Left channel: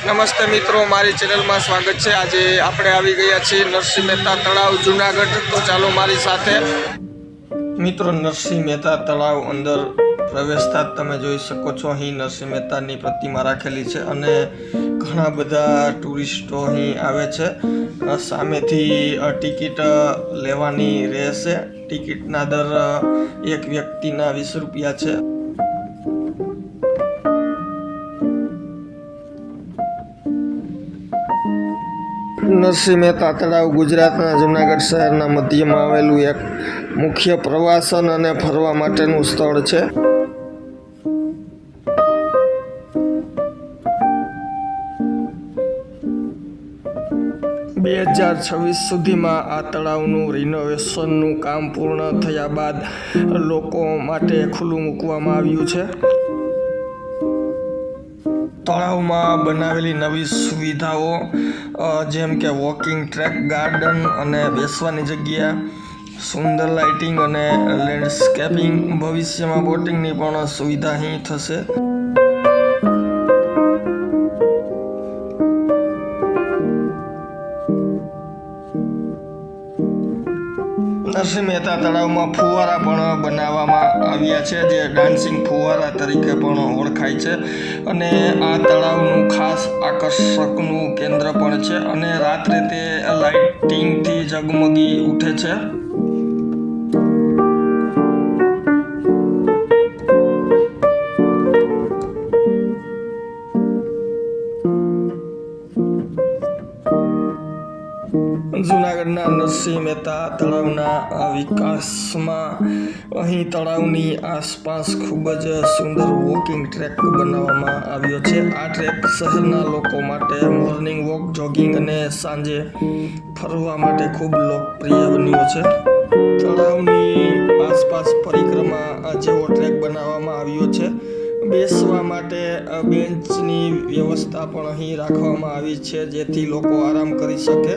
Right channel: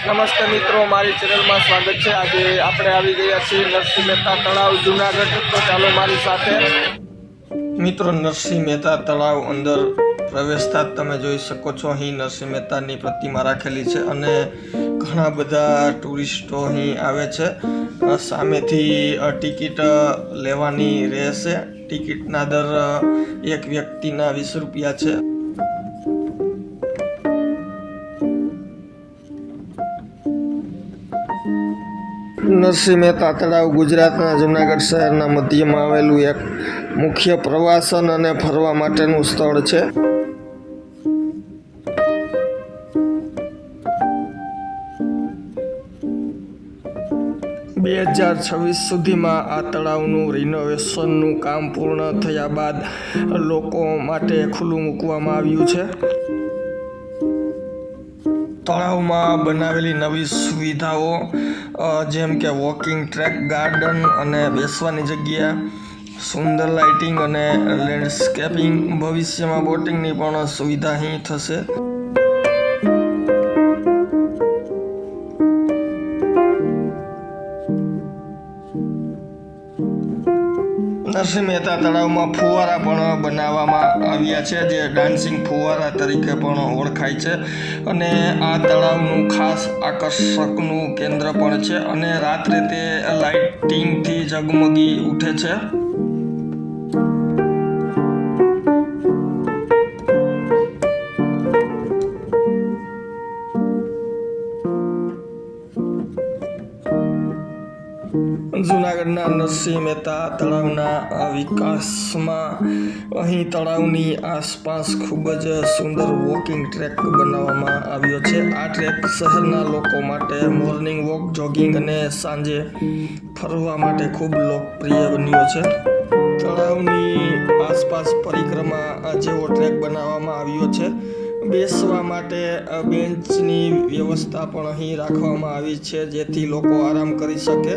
નમસ્તે મિત્રો, મારી ચેનલમાં સ્વાગત છે। આજે આપણે આવી ગયા છીએ નરસિંહ મહેતા તળાવ જૂનાગઢ। તો ચાલો મારી સાથે। મિત્રો, નરસિંહ મહેતા તળાવ અંદર પ્રવેશતા તમે જોઈ શકો છો, અહીં નરસિંહ મહેતાની પ્રતિમા રાખેલી છે અને ઘણા બધા ટુરિસ્ટો અહીં આવે છે। સામેથી ટિકિટ લેવાની રહેશે। ટિકિટના દર એક વ્યક્તિના 20 રૂપિયા છે। નરસિંહ મહેતા તળાવ ગુજરાતના જૂનાગઢ શહેરના મધ્યમાં આવેલું એક મુખ્ય પ્રવાસન અને ફરવા માટેનું સ્થળ છે। બે 2026 સુધીમાં આ તળાવનું રિનોવેશનનું કામ પૂર્ણ થયા બાદ લોકો માટે ખુલ્લું મૂકવામાં આવ્યું છે। તળાવમાં બનાવેલી નવી સુવિધાઓ જેમ કે વોકિંગ ટ્રેક, ગાર્ડન અને બેસવાની જગ્યા, સુંદર લાઇટિંગ અને લેન્ડસ્કેપિંગ, ભવિષ્યમાં બોટિંગની પણ સુવિધા અહીં થશે। નરસિંહ મહેતા તળાવમાં ફુવારા પણ બનાવવામાં આવ્યા છે, જે ડાન્સિંગ ફુવારા તરીકે પણ ઓળખાય છે અને આ તળાવનું ખાસ આકર્ષકનું કેન્દ્ર પણ છે અને રાત્રે તે લાઇટિંગથી ઝગમગી ઉઠે છે। જૂનાગઢના નરસિંહ મહેતા તળાવના વિકાસમાં અહીં તળાવની આસપાસ ખૂબ જ સુંદર વોકિંગ ટ્રેક બનાવવામાં આવ્યો છે। આ ટ્રેક શહેરના લોકો માટે મોર્નિંગ વોક, જોગિંગ અને સાંજે ફરવા માટે ખૂબ લોકપ્રિય બન્યો છે। તળાવની આસપાસ પરિક્રમા જેવો ટ્રેક બનાવવામાં આવ્યો છે। બેસવા માટે બેન્ચની વ્યવસ્થા પણ અહીં રાખવામાં આવી છે, જેથી લોકો આરામ કરી શકે।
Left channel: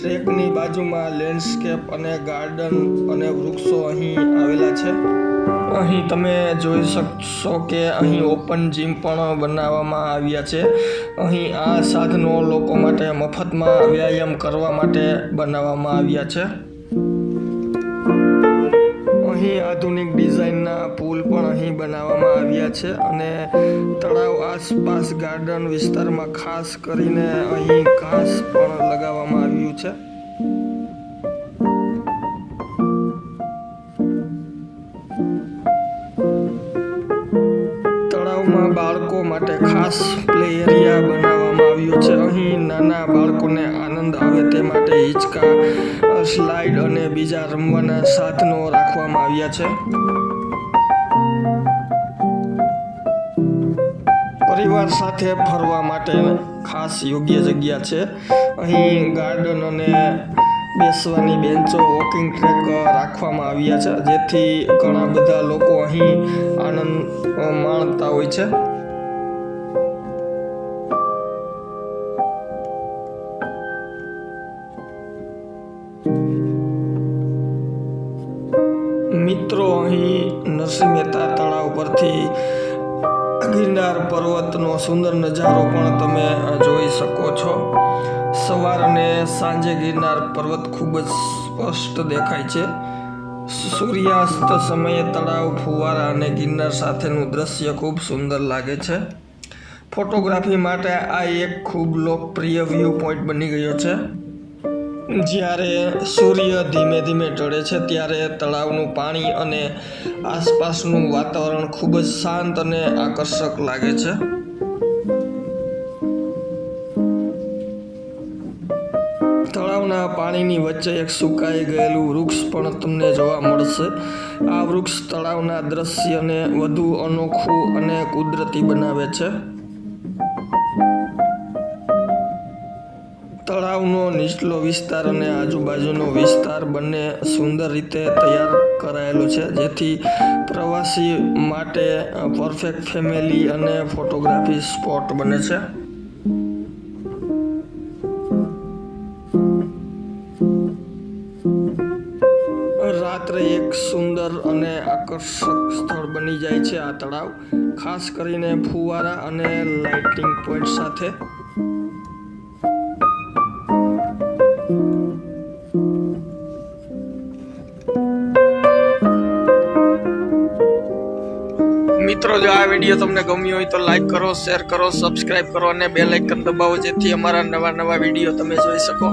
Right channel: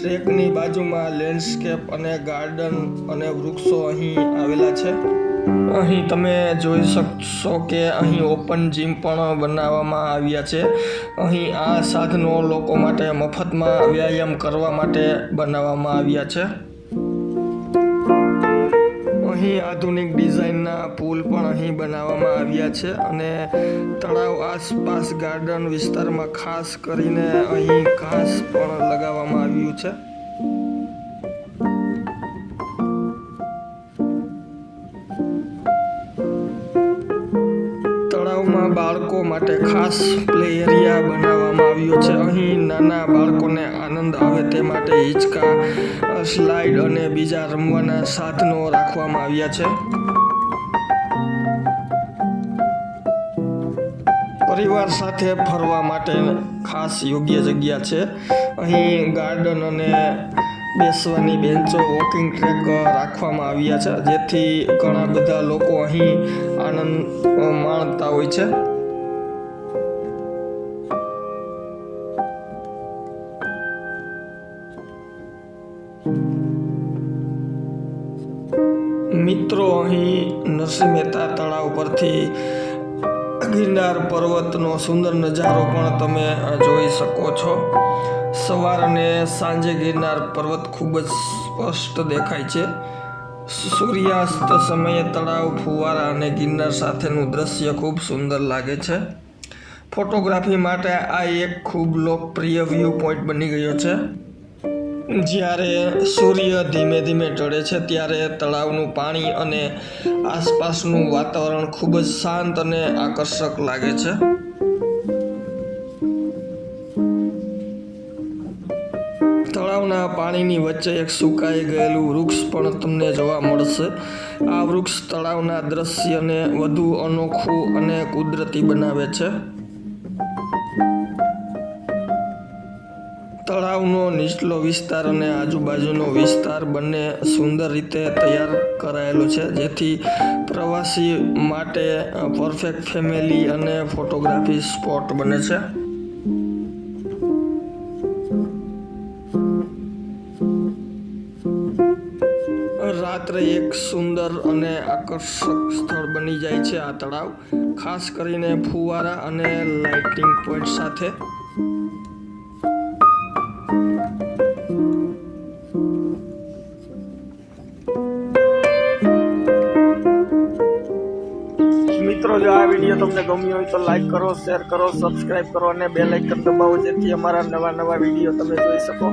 ટ્રેકની બાજુમાં લેન્ડસ્કેપ અને ગાર્ડન અને વૃક્ષો અહીં આવેલા છે। અહીં તમે જોઈ શકશો કે અહીં ઓપન જીમ પણ બનાવવામાં આવ્યા છે। અહીં આ સાધનો લોકો માટે મફતમાં વ્યાયામ કરવા માટે બનાવવામાં આવ્યા છે। અહીં આધુનિક ડિઝાઇનના પુલ પણ અહીં બનાવવામાં આવ્યા છે અને તળાવ આસપાસ ગાર્ડન વિસ્તારમાં ખાસ કરીને અહીં ઘાસ પણ લગાવવામાં આવ્યું છે। તળાવમાં બાળકો માટે ખાસ પ્લે એરિયા બનાવવામાં આવ્યો છે। અહીં નાના બાળકોને આનંદ આવે તે માટે હિંચકા, સ્લાઇડ અને બીજા રમવાના સાધનો રાખવામાં આવ્યા છે। પરિવાર સાથે ફરવા માટે ખાસ યોગ્ય જગ્યા છે। અહીં ગાર્ડન અને બેસવાની બેન્ચો, વોકિંગ ટ્રેક રાખવામાં આવ્યા છે, જેથી ઘણા બધા લોકો અહીં આનંદ માણતા હોય છે। મિત્રો, અહીં નરસિંહ મહેતા તળાવ પરથી ગિરનાર પર્વતનો સુંદર નજારો પણ તમે જોઈ શકો છો। સવાર અને સાંજે ગિરનાર પર્વત ખૂબ જ સ્પષ્ટ દેખાય છે। સૂર્યાસ્ત સમયે તળાવ, ફુવારા અને ગિરનાર સાથેનું દ્રશ્ય ખૂબ સુંદર લાગે છે। ફોટોગ્રાફી માટે આ એક ખૂબ લોકપ્રિય વ્યૂ પોઈન્ટ બની ગયો છે। જ્યારે સૂર્ય ધીમે ધીમે ઢળે છે ત્યારે તળાવનું પાણી અને આસપાસનું વાતાવરણ ખૂબ જ શાંત અને આકર્ષક લાગે છે। તળાવના પાણીની વચ્ચે એક સુકાઈ ગયેલું વૃક્ષ પણ તમને જોવા મળશે। આ વૃક્ષ તળાવના દ્રશ્યને વધુ અનોખું અને કુદરતી બનાવે છે। તળાવનો નીચલો વિસ્તાર અને આજુબાજુનો વિસ્તાર બંને સુંદર રીતે તૈયાર કરાયેલો છે, જેથી પ્રવાસી માટે પરફેક્ટ ફેમિલી અને ફોટોગ્રાફી સ્પોટ બને છે। રાત્રે એક સુંદર અને આકર્ષક સ્થળ બની જાય છે આ તળાવ, ખાસ કરીને ફુવારા અને લાઇટિંગ પોઈન્ટ સાથે। મિત્રો, જો આ વિડીયો તમને ગમ્યો હોય તો લાઈક કરો, શેર કરો, સબસ્ક્રાઇબ કરો અને બેલ આઇકન દબાવો, જેથી અમારા નવા વિડીયો તમે જોઈ શકો.